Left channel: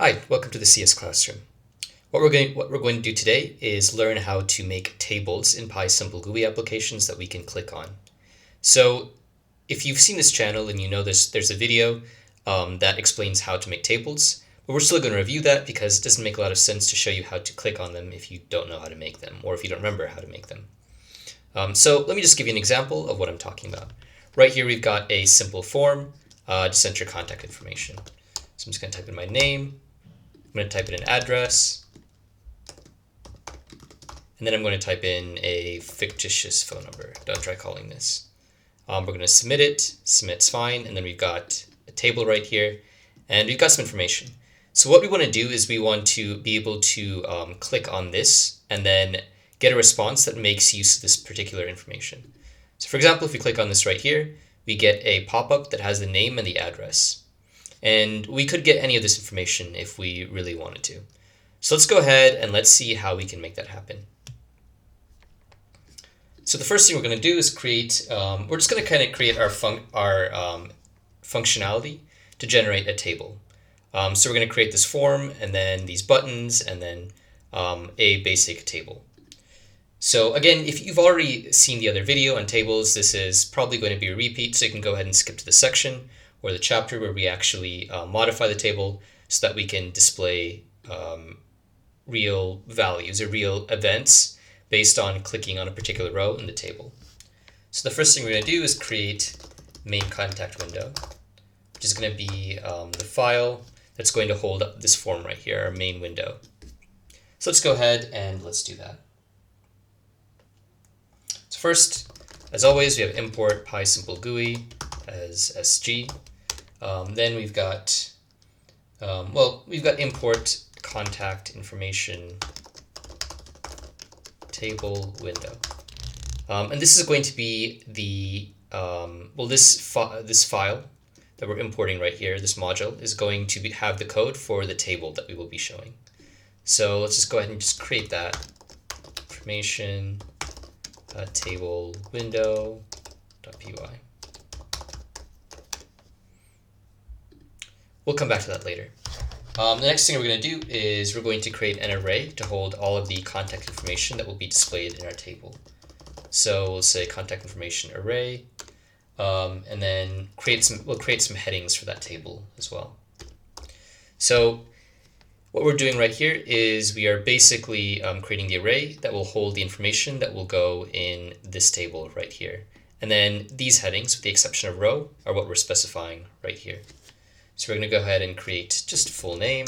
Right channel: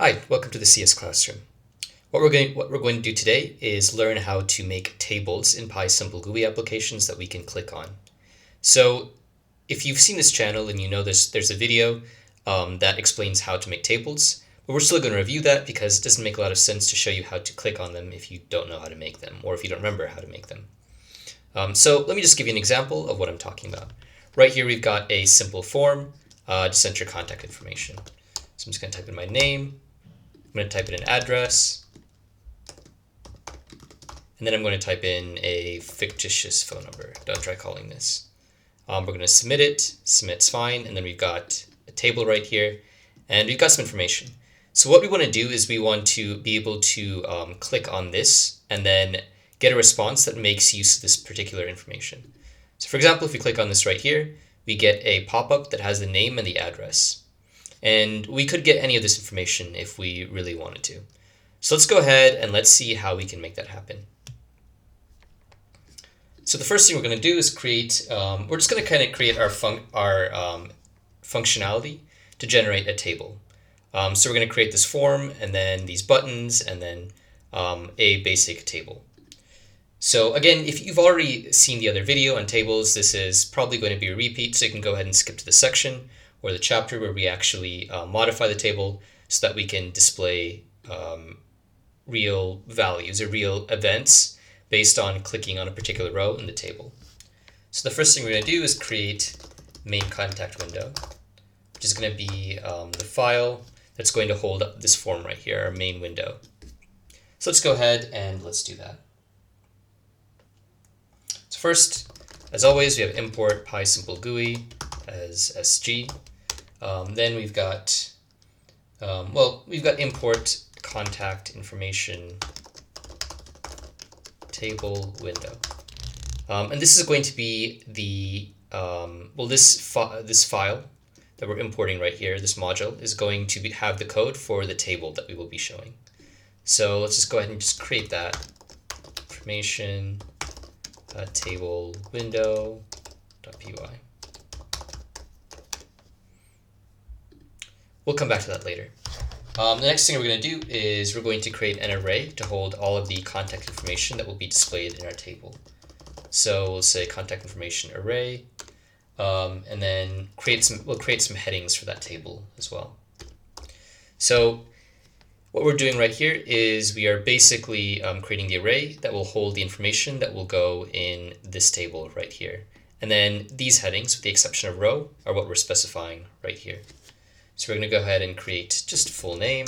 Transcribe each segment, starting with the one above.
Hi, welcome to the CS Classroom. What we're going to do today is learn how to make tables in PySimple GUI applications that we can click on. So if you've seen this channel and you know there's a video that explains how to make tables, but we're still going to review that because it doesn't make a lot of sense to show you how to click on them if you don't know how to make them or if you don't remember how to make them. So let me just give you an example of what I'm talking about. Right here we've got a simple form, just enter contact information. So I'm just going to type in my name. I'm going to type in an address, and then I'm going to type in a fictitious phone number. Don't try calling this. We're going to submit it. Submit's fine, and then we've got a table right here, and we've got some information. So what we want to do is we want to be able to click on this and then get a response that makes use of this particular information. So for example, if we click on this right here, we get a pop-up that has the name and the address. And we could get any of this information if we really wanted to. So let's go ahead and let's see how we can make that happen. So the first thing we're going to do is we're just going to kind of create our functionality to generate a table. So we're going to create this form and then these buttons and then a basic table. So again, if you've already seen the other video on tables, this is probably going to be a repeat, so you can go ahead and skip to the section or the chapter where we actually modify the table so that we can display real values or real events based on clicking on a particular row in the table. So the first thing we're going to do is create main contact window, which is going to be the file that's going to hold up this form right here, our main window. So let's go ahead and let's do that. So first, as always, we have import PySimple GUI as SG. Then we've got import contact information table window, and this is going to be the this file that we're importing right here. This module is going to have the code for the table that we will be showing. So let's just go ahead and just create that information table window.py. We'll come back to that later. The next thing we're going to do is we're going to create an array to hold all of the contact information that will be displayed in our table. So we'll say contact information array, and then we'll create some headings for that table as well. So what we're doing right here is we are basically creating the array that will hold the information that will go in this table right here. And then these headings, with the exception of row, are what we're specifying right here. So we're going to go ahead and create just full name,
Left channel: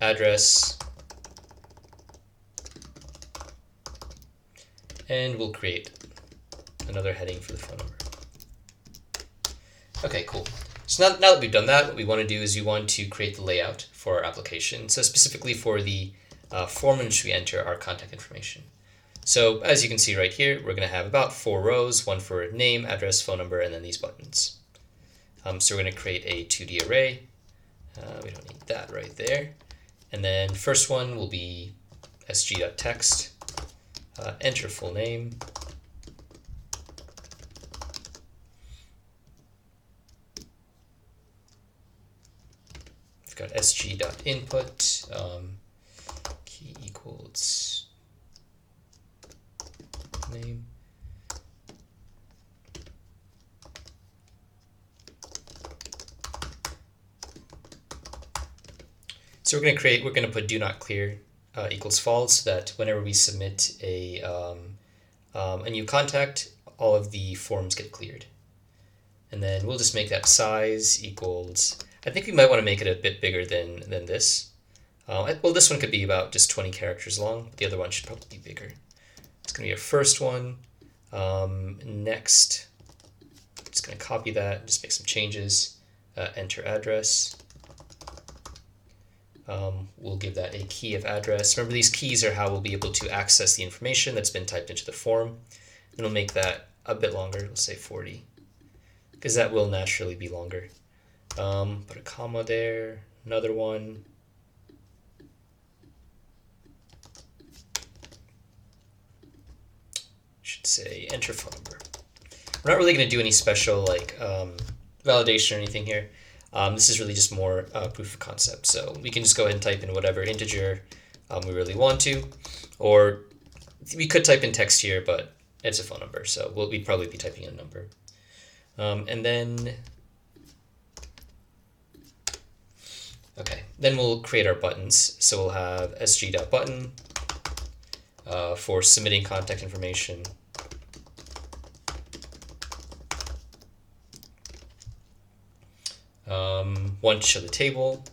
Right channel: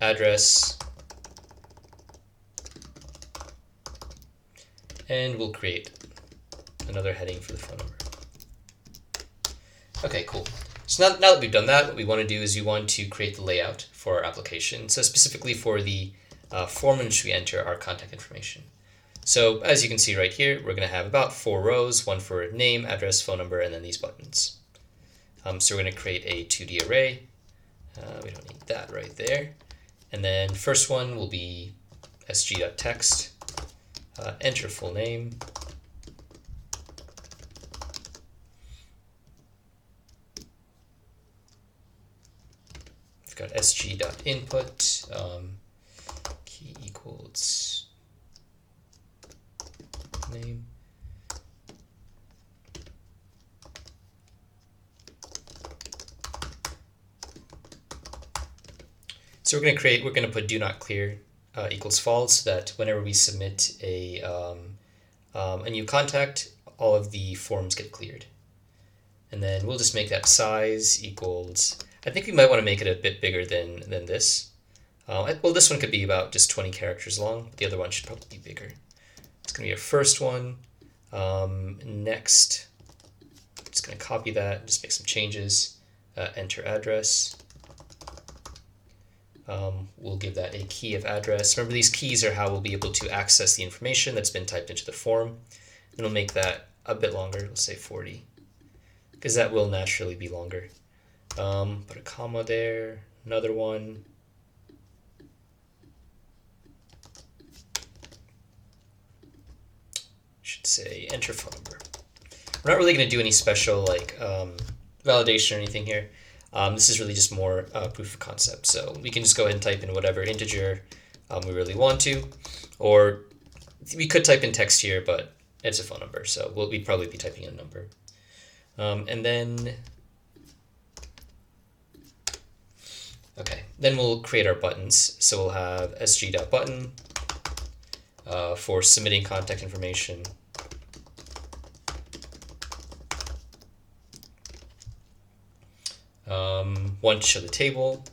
address, and we'll create another heading for the phone number. Okay, cool. So now that we've done that, what we want to do is we want to create the layout for our application. So specifically for the form in which we enter our contact information. So as you can see right here, we're going to have about 4 rows, one for name, address, phone number, and then these buttons. So we're going to create a 2D array. We don't need that right there. And then first one will be sg.text, enter full name. We've got sg.input, key equals name. So we're going to put do not clear equals false, so that whenever we submit a new contact, all of the forms get cleared. And then we'll just make that size equals, I think we might want to make it a bit bigger than this. Well, this one could be about just 20 characters long, but the other one should probably be bigger. It's going to be our first one. Next, I'm just going to copy that, just make some changes, enter address. We'll give that a key of address. Remember, these keys are how we'll be able to access the information that's been typed into the form. And we'll make that a bit longer. We'll say 40, because that will naturally be longer. Put a comma there, another one. Should say enter phone number. We're not really going to do any special validation or anything here. This is really just more proof of concept. So we can just go ahead and type in whatever integer we really want to, or we could type in text here, but it's a phone number, so we'd probably be typing in a number. And then, okay, then we'll create our buttons. So we'll have sg.button for submitting contact information. One to show the table.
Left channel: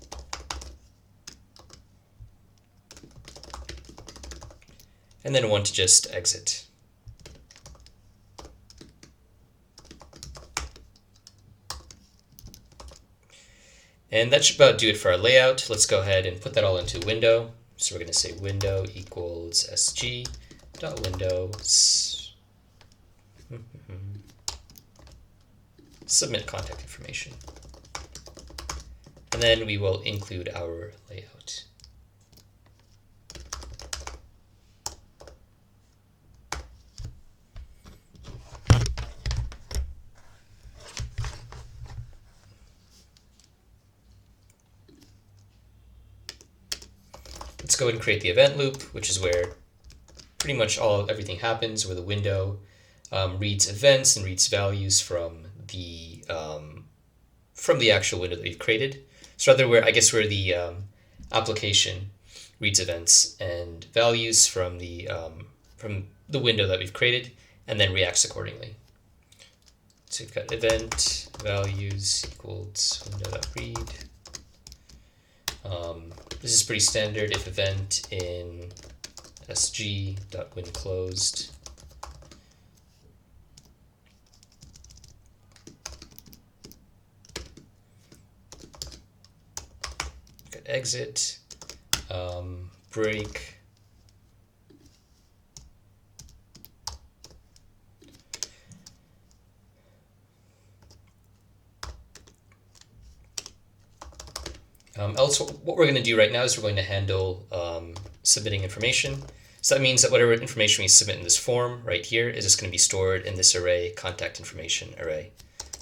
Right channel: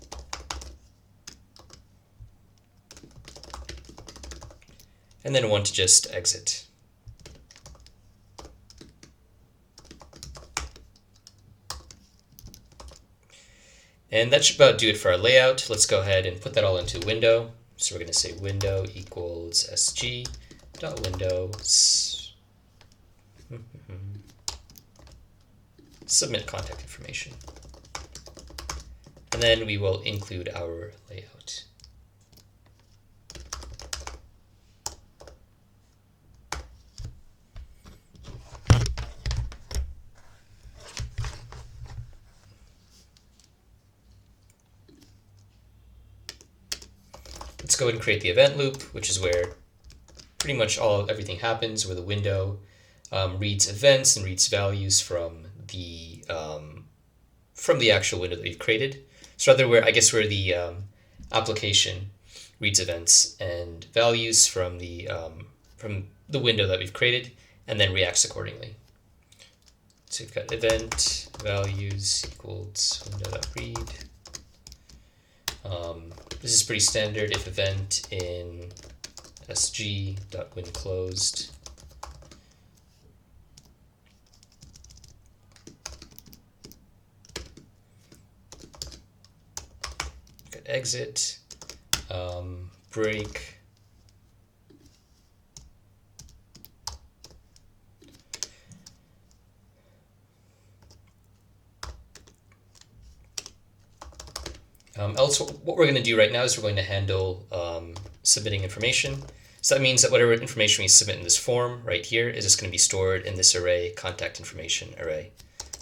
And then one to just exit. And that should about do it for our layout. Let's go ahead and put that all into a window. So we're going to say window equals sg.window submit contact information. And then we will include our layout. Let's go ahead and create the event loop, which is where pretty much everything happens, where the window reads events and reads values from the actual window that we've created. So rather, where the application reads events and values from the window that we've created, and then reacts accordingly. So we've got event values equals window.read. This is pretty standard. If event in sg.whenClosed. Got exit, break. Else, what we're going to do right now is we're going to handle submitting information. So that means that whatever information we submit in this form right here is just going to be stored in this array, contact information array.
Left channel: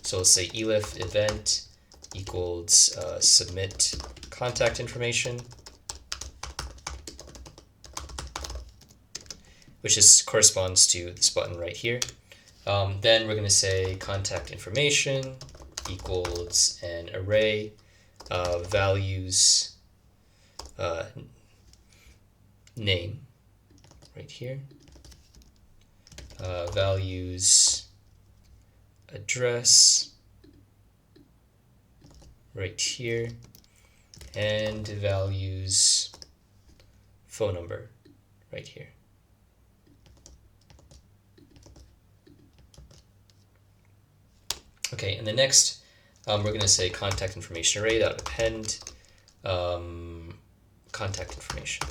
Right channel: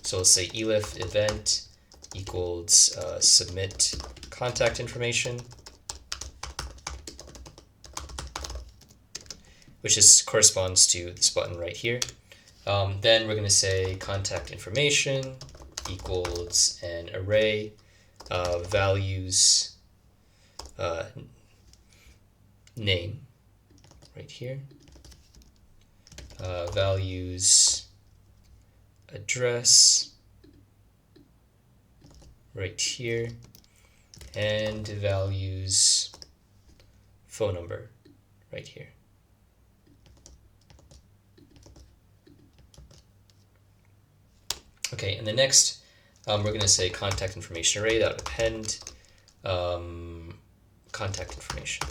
So let's say elif event equals submit contact information, which corresponds to this button right here. Then we're going to say contact information equals an array values name right here, values address right here, and values phone number right here. Okay, and the next we're going to say contact information array that append contact information.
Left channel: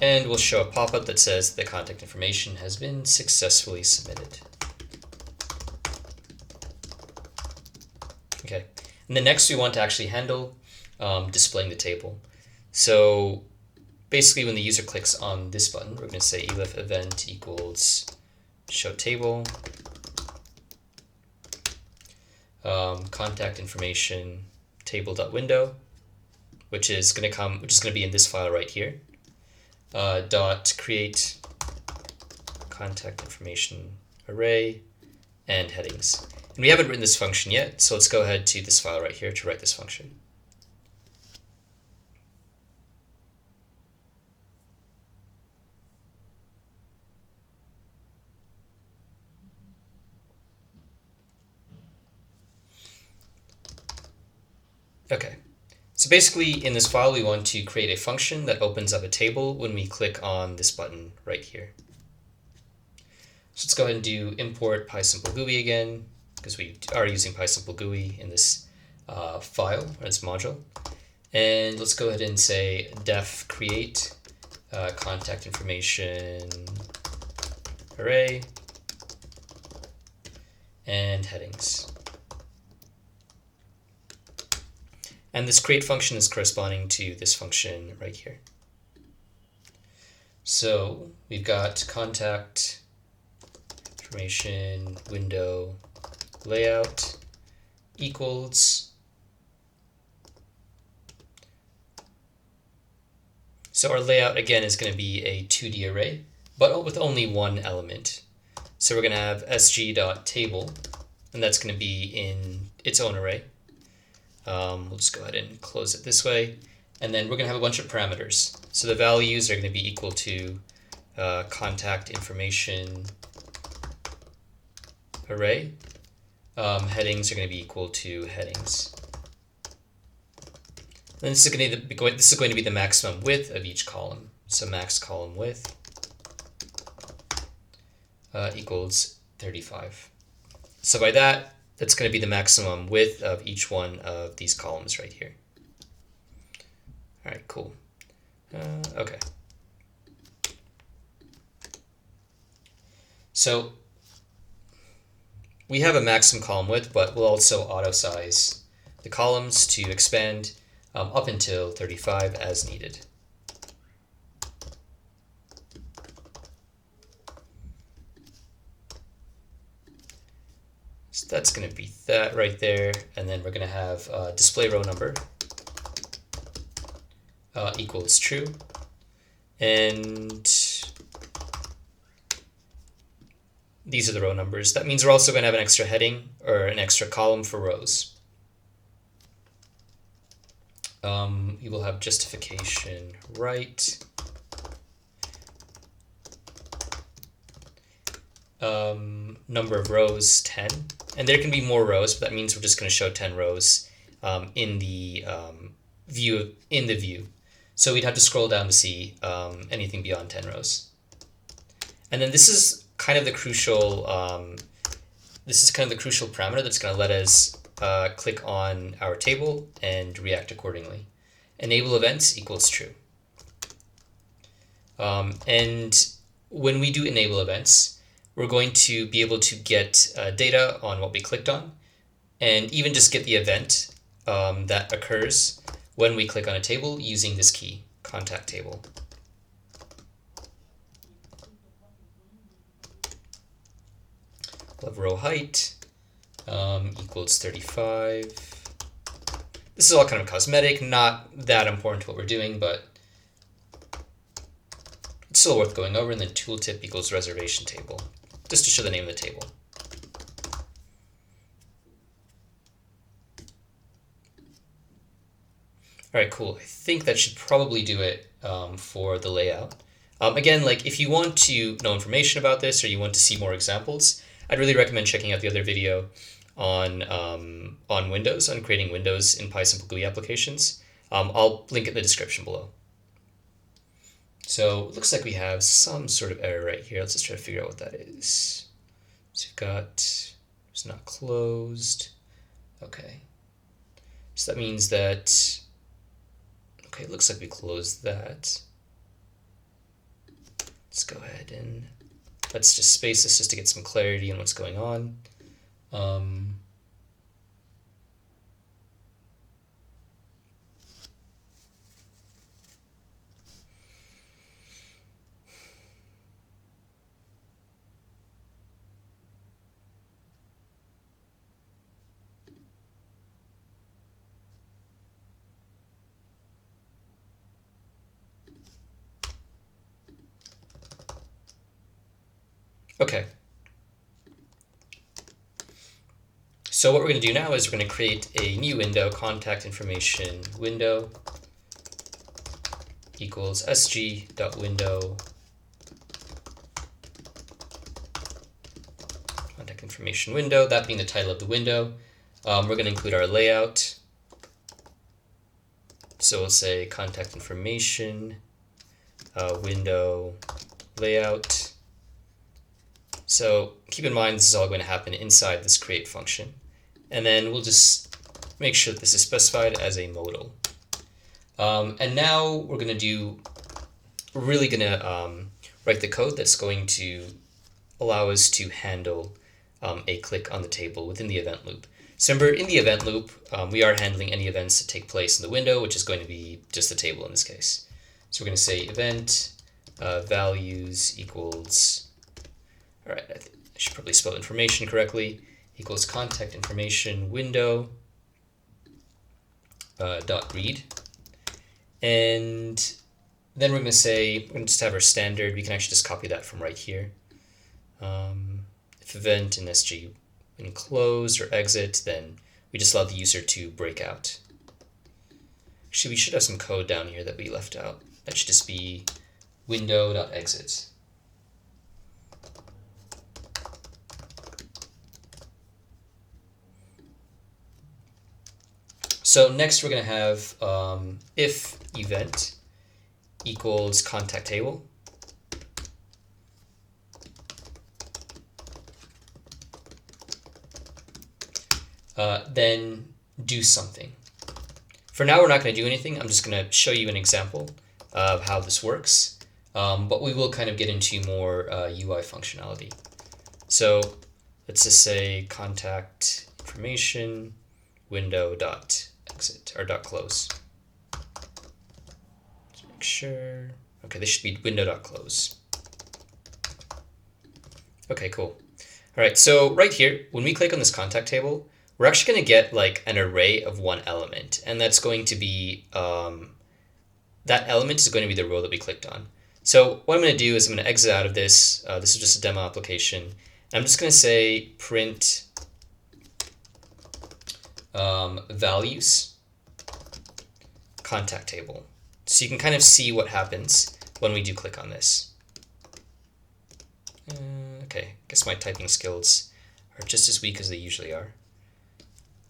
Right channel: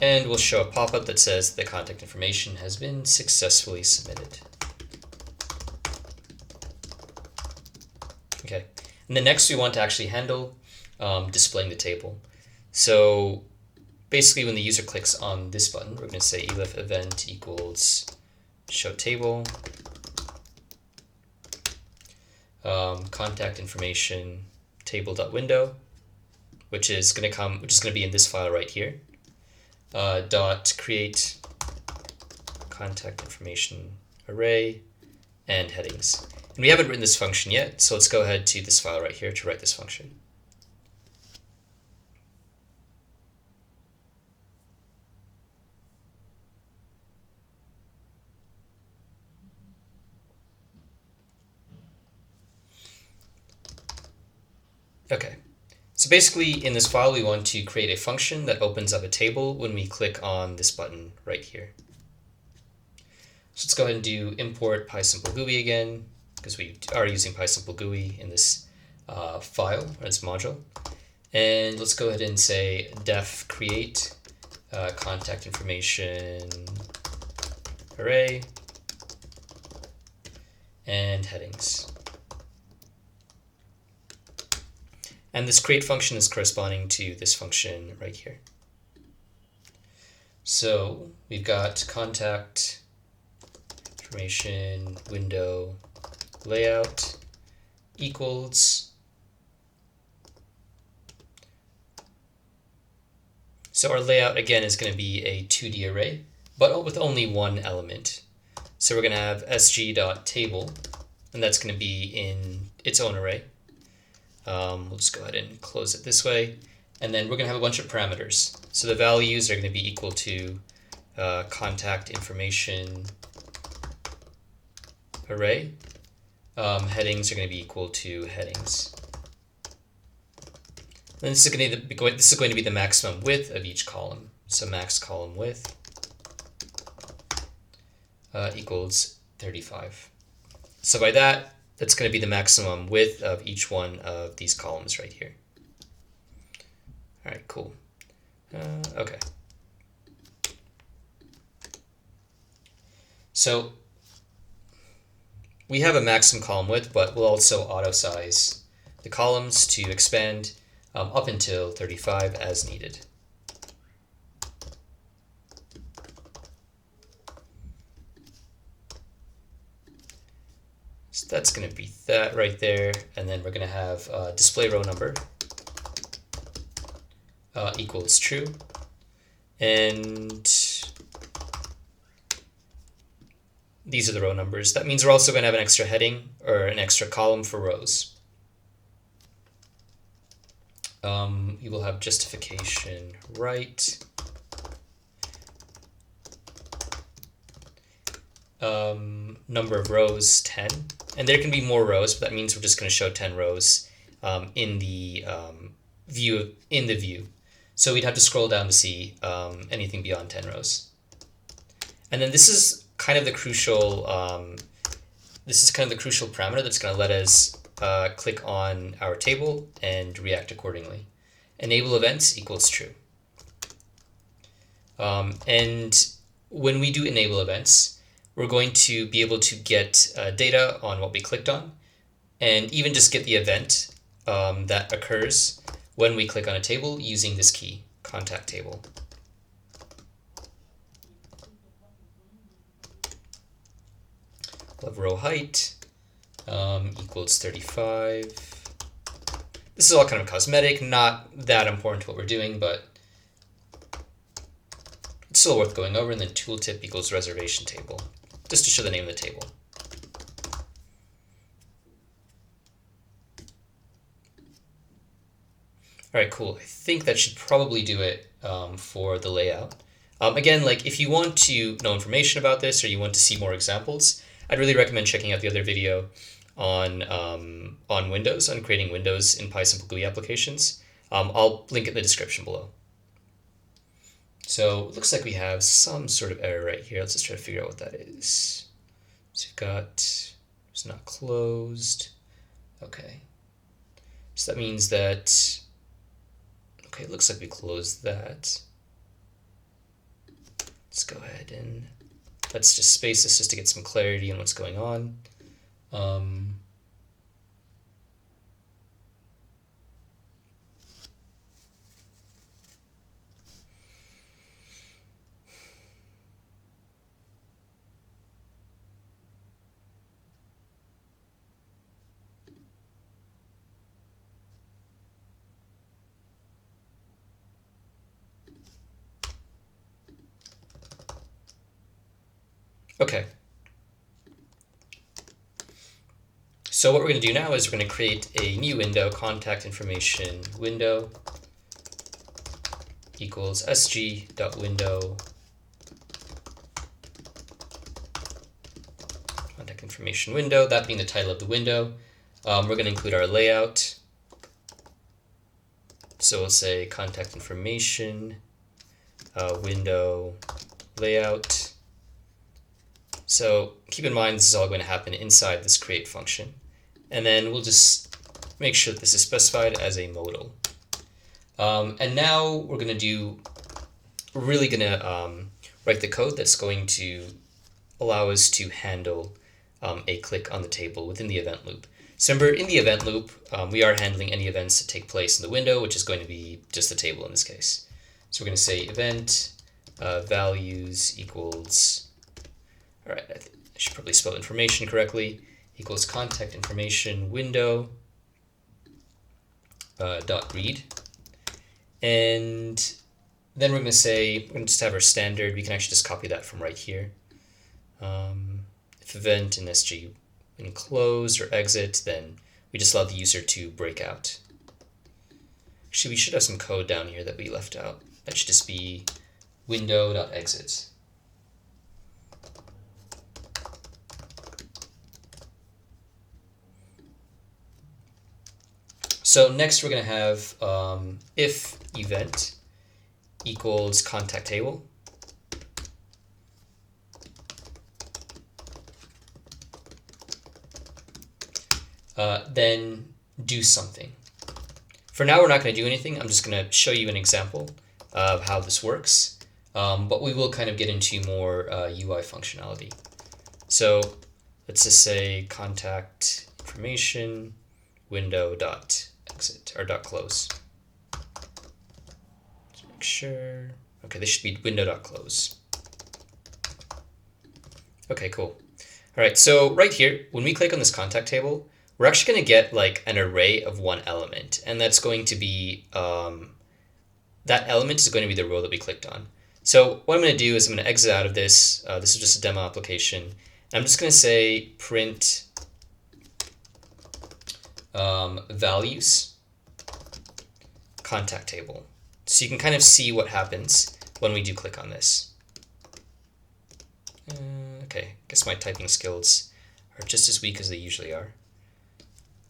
And we'll show a pop-up that says the contact information has been successfully submitted. Okay, and then next we want to actually handle displaying the table. So basically when the user clicks on this button, we're going to say elif event equals show table, contact information table.window, which is going to be in this file right here. Dot create contact information array and headings. And we haven't written this function yet, so let's go ahead to this file right here to write this function. Okay, so basically in this file we want to create a function that opens up a table when we click on this button right here. So let's go ahead and do import PySimple-GUI again, because we are using PySimple-GUI in this file, or this module. And let's go ahead and say def create contact information array and headings. And this create function is corresponding to this function right here. So we've got contact information window layout equals. So our layout again is going to be a 2D array, but with only one element. So we're going to have sg.table, and that's going to be in its own array. We'll just go ahead and close it this way. And then we're going to have a bunch of parameters. So the values are going to be equal to contact information array. Headings are going to be equal to headings. And this is going to be the maximum width of each column. So max column width equals 35. So by that, that's going to be the maximum width of each one of these columns right here. All right, cool. Okay. So we have a maximum column width, but we'll also auto size the columns to expand up until 35 as needed. So that's going to be that right there, and then we're going to have display row number equals true, and these are the row numbers. That means we're also going to have an extra heading or an extra column for rows. You will have justification right. Number of rows 10, and there can be more rows, but that means we're just going to show 10 rows in the view. So we'd have to scroll down to see anything beyond 10 rows. And then this is kind of the crucial parameter that's going to let us click on our table and react accordingly. Enable events equals true. And when we do enable events, we're going to be able to get data on what we clicked on, and even just get the event that occurs when we click on a table using this key, contact table. Of row height equals 35. This is all kind of cosmetic, not that important to what we're doing, but it's still worth going over. And then tooltip equals reservation table, just to show the name of the table. All right, cool. I think that should probably do it for the layout. Again, like if you want to know information about this or you want to see more examples, I'd really recommend checking out the other video on Windows, on creating Windows in PySimple GUI applications. I'll link it in the description below. So it looks like we have some sort of error right here. Let's just try to figure out what that is. So we've got, it's not closed. Okay. So that means that, okay, it looks like we closed that. Let's go ahead and let's just space this just to get some clarity on what's going on. Okay. So what we're going to do now is we're going to create a new window, contact information window equals sg.window contact information window, that being the title of the window. We're going to include our layout. So we'll say contact information window layout. So keep in mind this is all going to happen inside this create function. And then we'll just make sure that this is specified as a modal. And now we're really going to write the code that's going to allow us to handle a click on the table within the event loop. So remember, in the event loop, we are handling any events that take place in the window, which is going to be just the table in this case. So we're going to say event values equals, all right, I should probably spell information correctly, equals contact information window dot read. And then we're going to say, we're going to just have our standard. We can actually just copy that from right here. If event in SG in close or exit, then we just allow the user to break out. Actually, we should have some code down here that we left out. That should just be window.exit. So next we're going to have if event equals contact table. Then do something. For now, we're not going to do anything. I'm just going to show you an example of how this works, but we will kind of get into more UI functionality. So let's just say contact information window dot exit or dot close. Let's make sure. Okay, this should be window dot close. Okay, cool. All right, so right here, when we click on this contact table, we're actually going to get like an array of one element, and that's going to be, that element is going to be the row that we clicked on. So what I'm going to do is I'm going to exit out of this. This is just a demo application. And I'm just going to say print values contact table. So you can kind of see what happens when we do click on this. Okay, I guess my typing skills are just as weak as they usually are.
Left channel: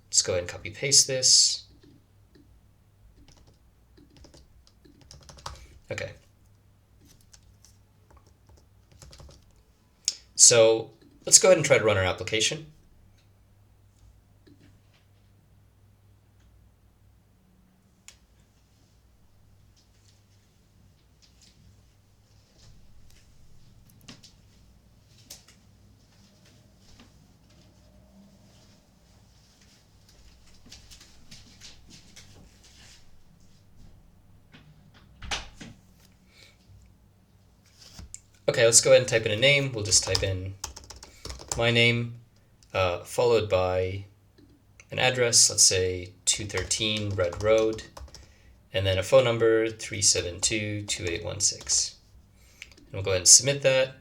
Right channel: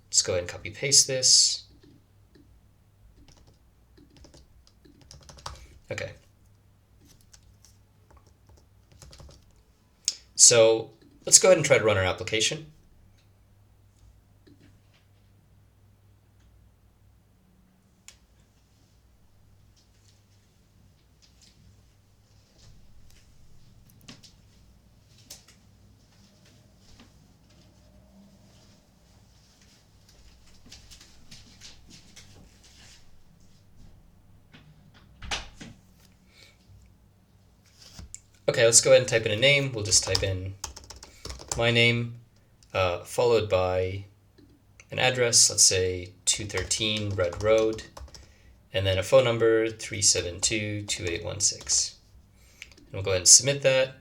Let's go ahead and copy paste this. Okay. So let's go ahead and try to run our application. Okay, let's go ahead and type in a name. We'll just type in my name, followed by an address, let's say 213 Red Road, and then a phone number, 372-2816. And we'll go ahead and submit that,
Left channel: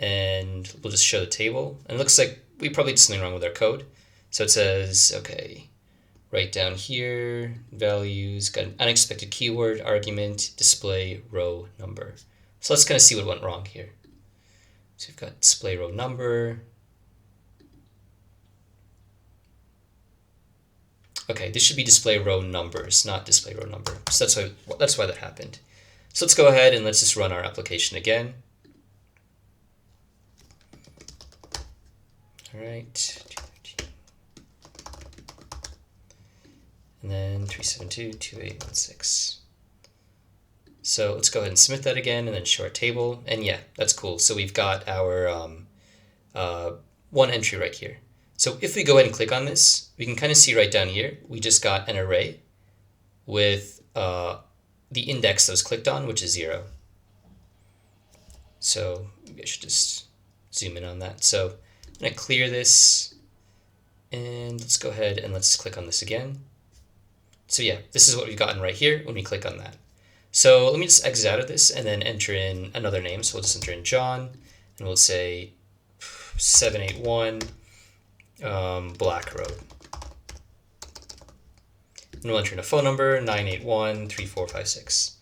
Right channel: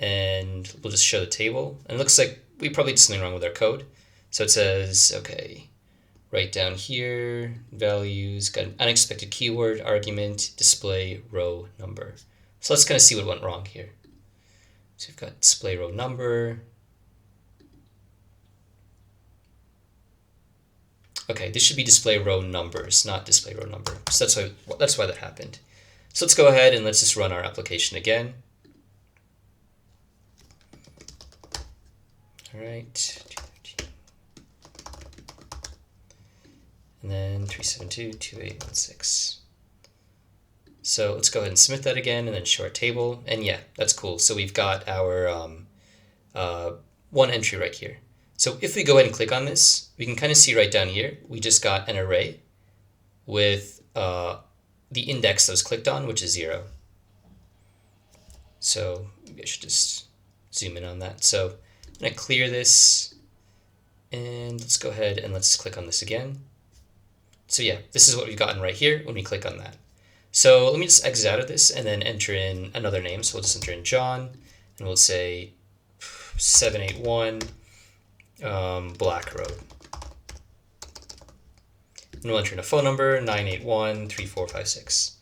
and we'll just show the table. And it looks like we probably did something wrong with our code. So it says, okay, right down here, values, got an unexpected keyword, argument, display row number. So let's kind of see what went wrong here. So we've got display row number. Okay, this should be display row numbers, not display row number. So that's why that happened. So let's go ahead and let's just run our application again. All right. And then 372-2816. So let's go ahead and submit that again and then show our table. And yeah, that's cool. So we've got our one entry right here. So if we go ahead and click on this, we can kind of see right down here, we just got an array with the index that was clicked on, which is 0. So maybe I should just zoom in on that. So I'm going to clear this, and let's go ahead and let's click on this again. So yeah, this is what we've gotten right here when we click on that. So let me just exit out of this and then enter in another name. So we'll just enter in John, and we'll say 781 Black Road. And we'll enter in a phone number, 981-3456.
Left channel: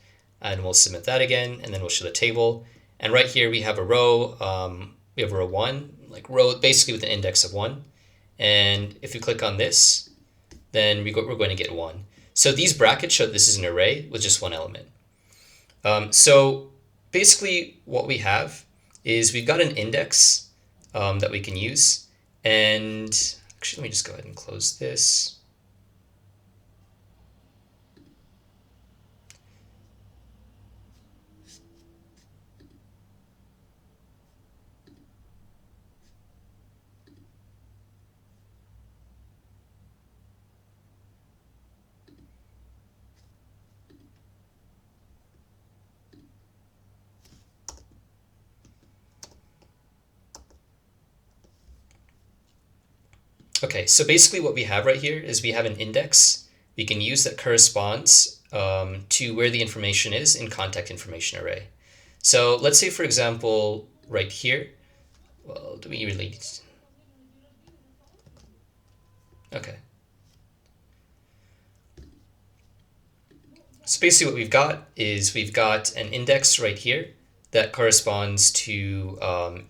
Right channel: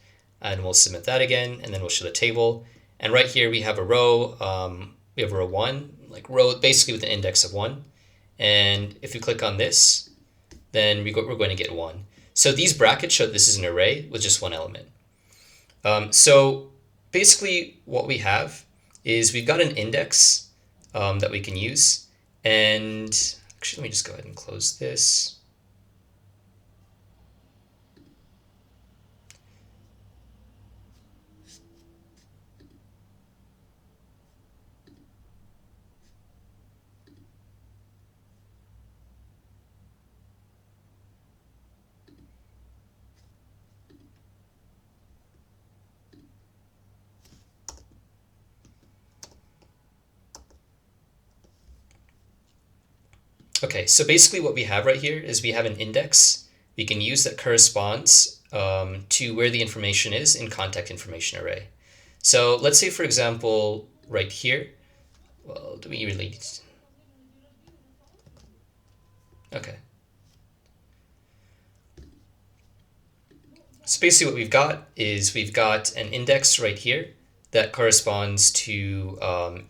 And we'll submit that again, and then we'll show the table. And right here we have a row, we have row 1, like row basically with an index of 1. And if we click on this, then we're going to get 1. So these brackets show this is an array with just one element. So basically what we have is we've got an index that we can use. And actually, let me just go ahead and close this. Okay, so basically what we have right here is we have an index we can use that corresponds to where the information is in contact information array. So let's say, for example, right here, well, do we really, okay. So basically what we've got is we've got an index right here that corresponds to an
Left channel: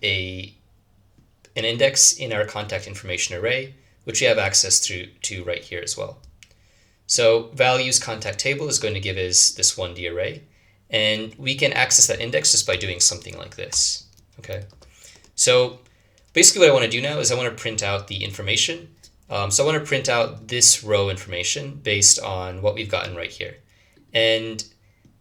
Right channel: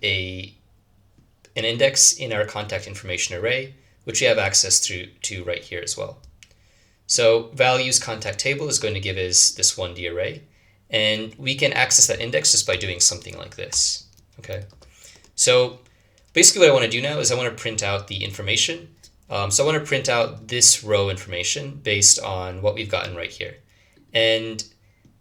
index in our contact information array, which we have access to right here as well. So values contact table is going to give us this 1D array, and we can access that index just by doing something like this. Okay, so basically what I want to do now is I want to print out the information. So I want to print out this row information based on what we've gotten right here. And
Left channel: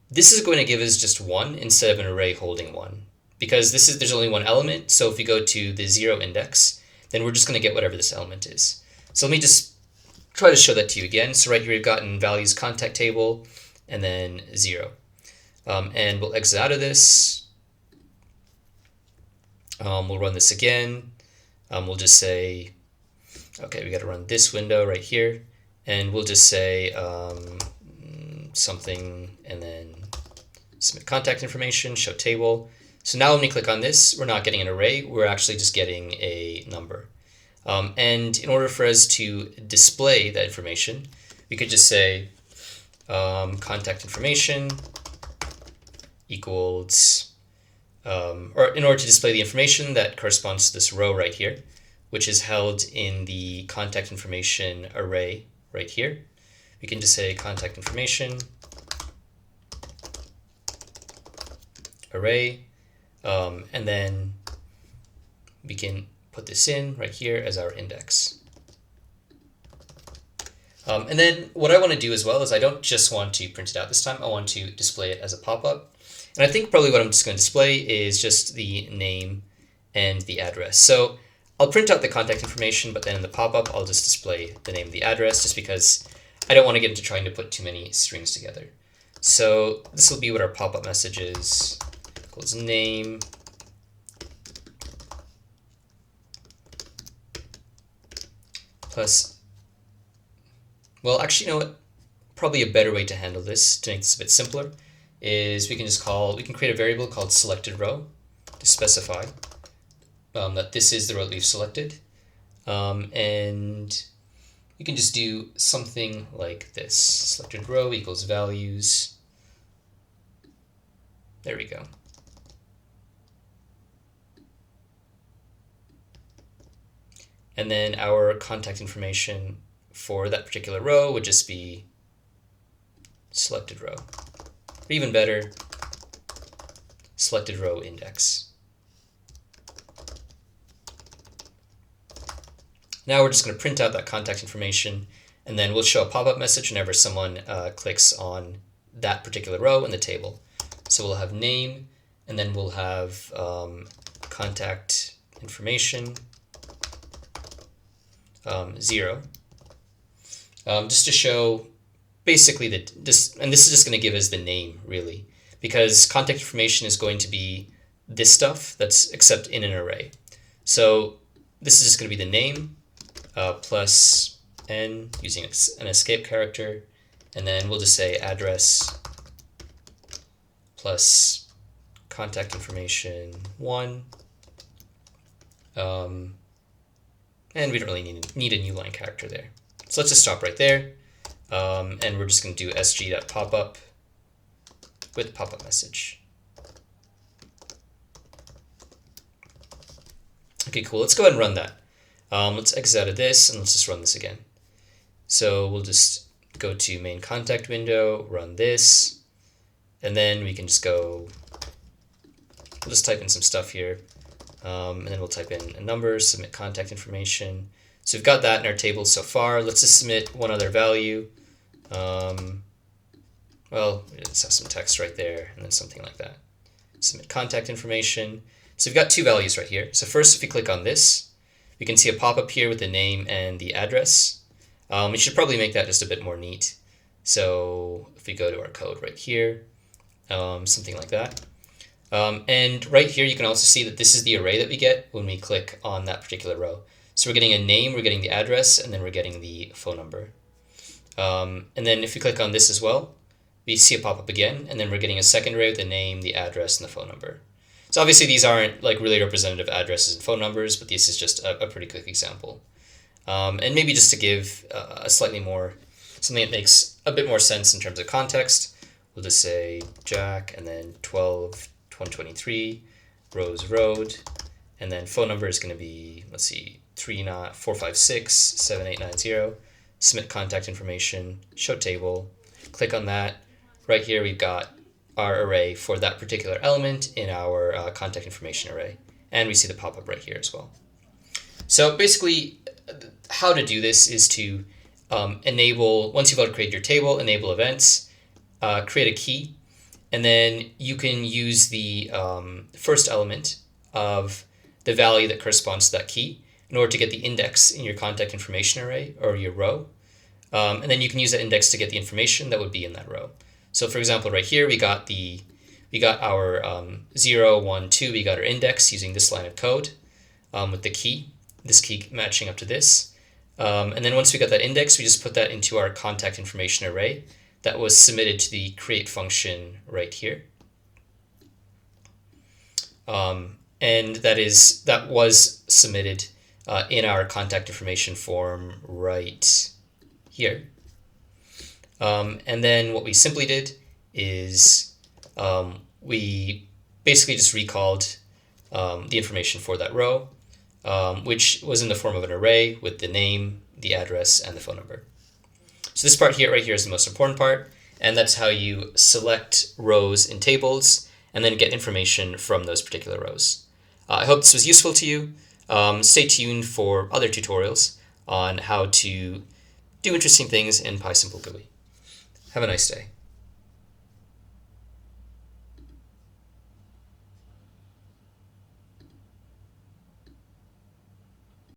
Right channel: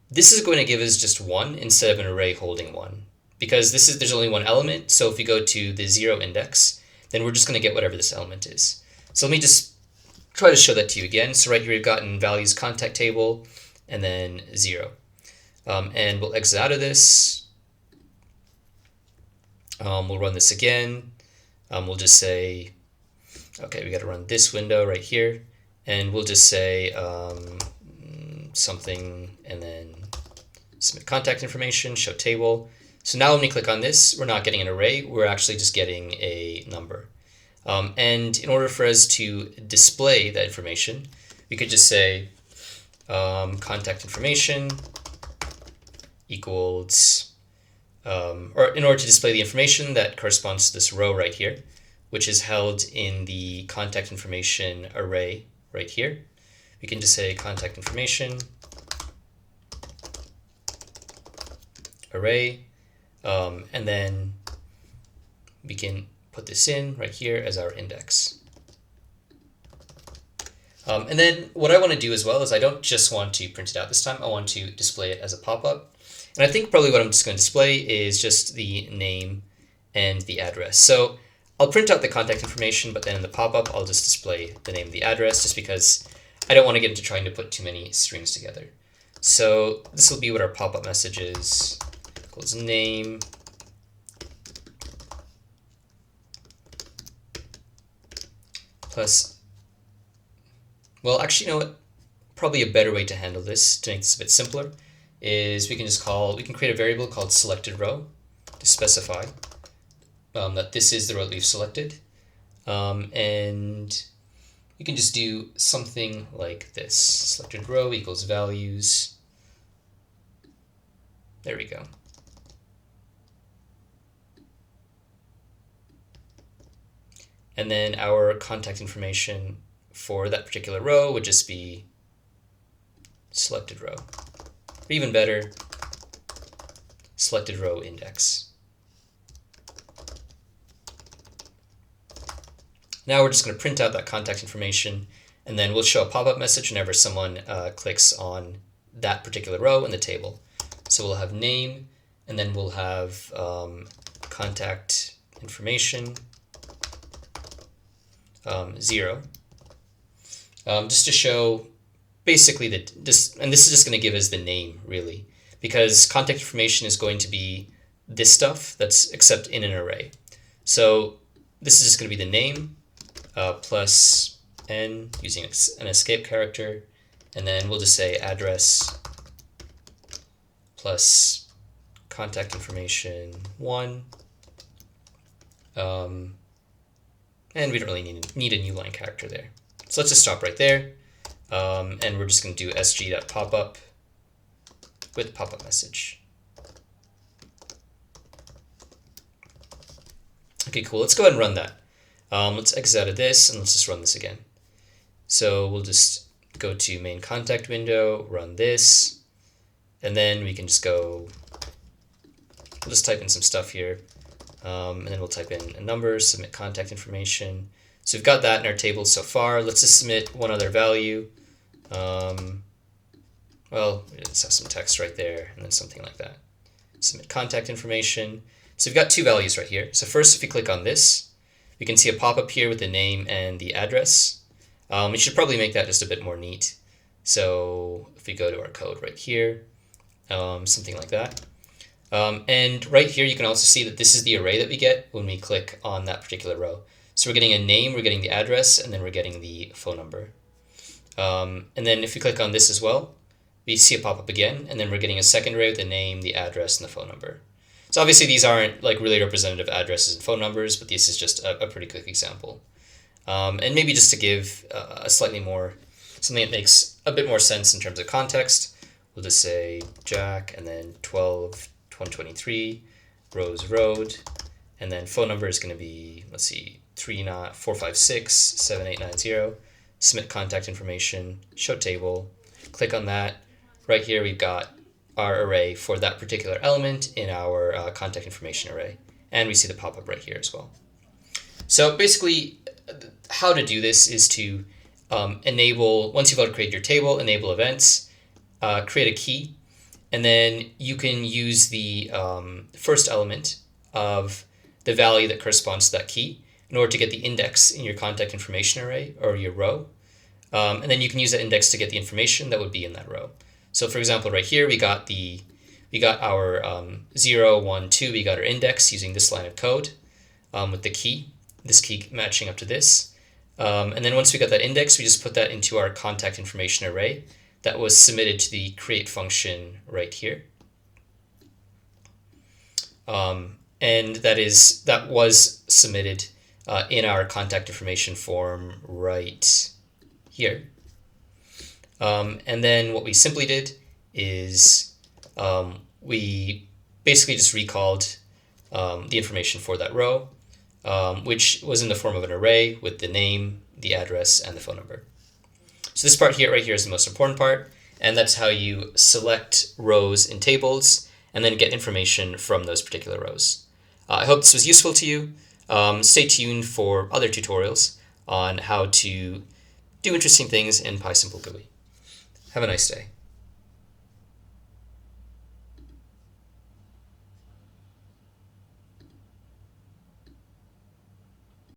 this is going to give us just 1 instead of an array holding 1. Because there's only one element, so if we go to the 0 index, then we're just going to get whatever this element is. So let me just try to show that to you again. So right here we've gotten values contact table and then 0. And we'll exit out of this. We'll run this again. We'll just say, okay, we got to run this window right here, and we'll just say something, and then submit contact information, show table. So now when we click on this, we're not getting an array, we're actually just getting a number. And in order for us to display that information, we could just say contact information equals, or in order to display the information that corresponds to this row right here, which is held in the contact information array right here, we can just say contact information array, and then we can put this in right here as our index. And then what I want to do as well is I don't just want to print it out this time, I want to display it as a pop-up. And I think probably what I'm just going to display is just the name and the address. So I'll print out the contact information, but then in the pop-up I'll just display the name and the address, just because I don't want to get into trying to put too many strings together. So this will be what our pop-up message is, equals name plus, well, actually, you know what? Probably a better way to handle this, to make this a bit simpler, is we can create a variable called selected row to specify that this is the row that we've selected. And you can just do something like this. Selected row equals values. There we go. And then our contact information for that particular row would just be selected row. Or even better, selected row index. Now we're just going to print out that contact information, and then we'll show a pop-up message whenever someone clicks on that particular row in the table. So we'll have name, and then we'll have contact information 0, just to show basically that this, and this is just going to give us the name really, because contact information is going to be this stuff that's except in an array. So this is just going to be the name plus n using an escape character, and then we'll just say address plus contact information 1. And we don't really need a new line character there. So let's just stop right there. And we're just going to do sg.popup with pop-up message. Okay, cool. Let's go ahead and run that. Let's exit out of this, and let's just run this again. So we'll just go to main contact window, run this, and then we can just go, we'll just type in some stuff here. And then we'll type in a number, submit contact information. So we've got that in our table so far. Let's just submit one other value. Well, let's have some text right there, and then something like that. Submit contact information. So we've got 2 values right here. So first, if we click on this, we can see a pop-up here with the name and the address. We should probably make that just a bit more neat. So if we go to our code right here, something like that. And right here, you can also see that this is the array that we get when we click on that particular row. So we're getting a name, we're getting the address, and then we're getting the phone number. And then if we click on this as well, we see a pop-up again, and then we're getting a second array with the name, the address, and the phone number. So obviously these aren't like really representative addresses and phone numbers, but this is just a pretty quick example. And maybe just to give a slightly more, something that makes a bit more sense in terms of context, we'll just say Jack, and then 12-123, Rose Road, and then phone number is going to be, let's see, 456-7890, submit contact information, show table, click on that. Right here we've got our array for that particular element in our contact information array, and we see the pop-up right here as well. So basically, how to do this is to enable, once you've created your table, enable events, create a key, and then you can use the first element of the value that corresponds to that key in order to get the index in your contact information array or your row. And then you can use that index to get the information that would be in that row. So for example, right here, we got our 0, 1, 2, we got our index using this line of code with the key, this key matching up to this. And then once we got that index, we just put that into our contact information array that was submitted to the create function right here. And that was submitted in our contact information form right here. And then what we simply did is we basically just recalled the information for that row, which was in the form of an array with the name, the address, and the phone number. So this part here, right here, is the most important part, and that's how you select rows in tables and then get information from those particular rows. I hope this was useful to you. Stay tuned for other tutorials on how to do interesting things in PySimple GUI. Have a nice day.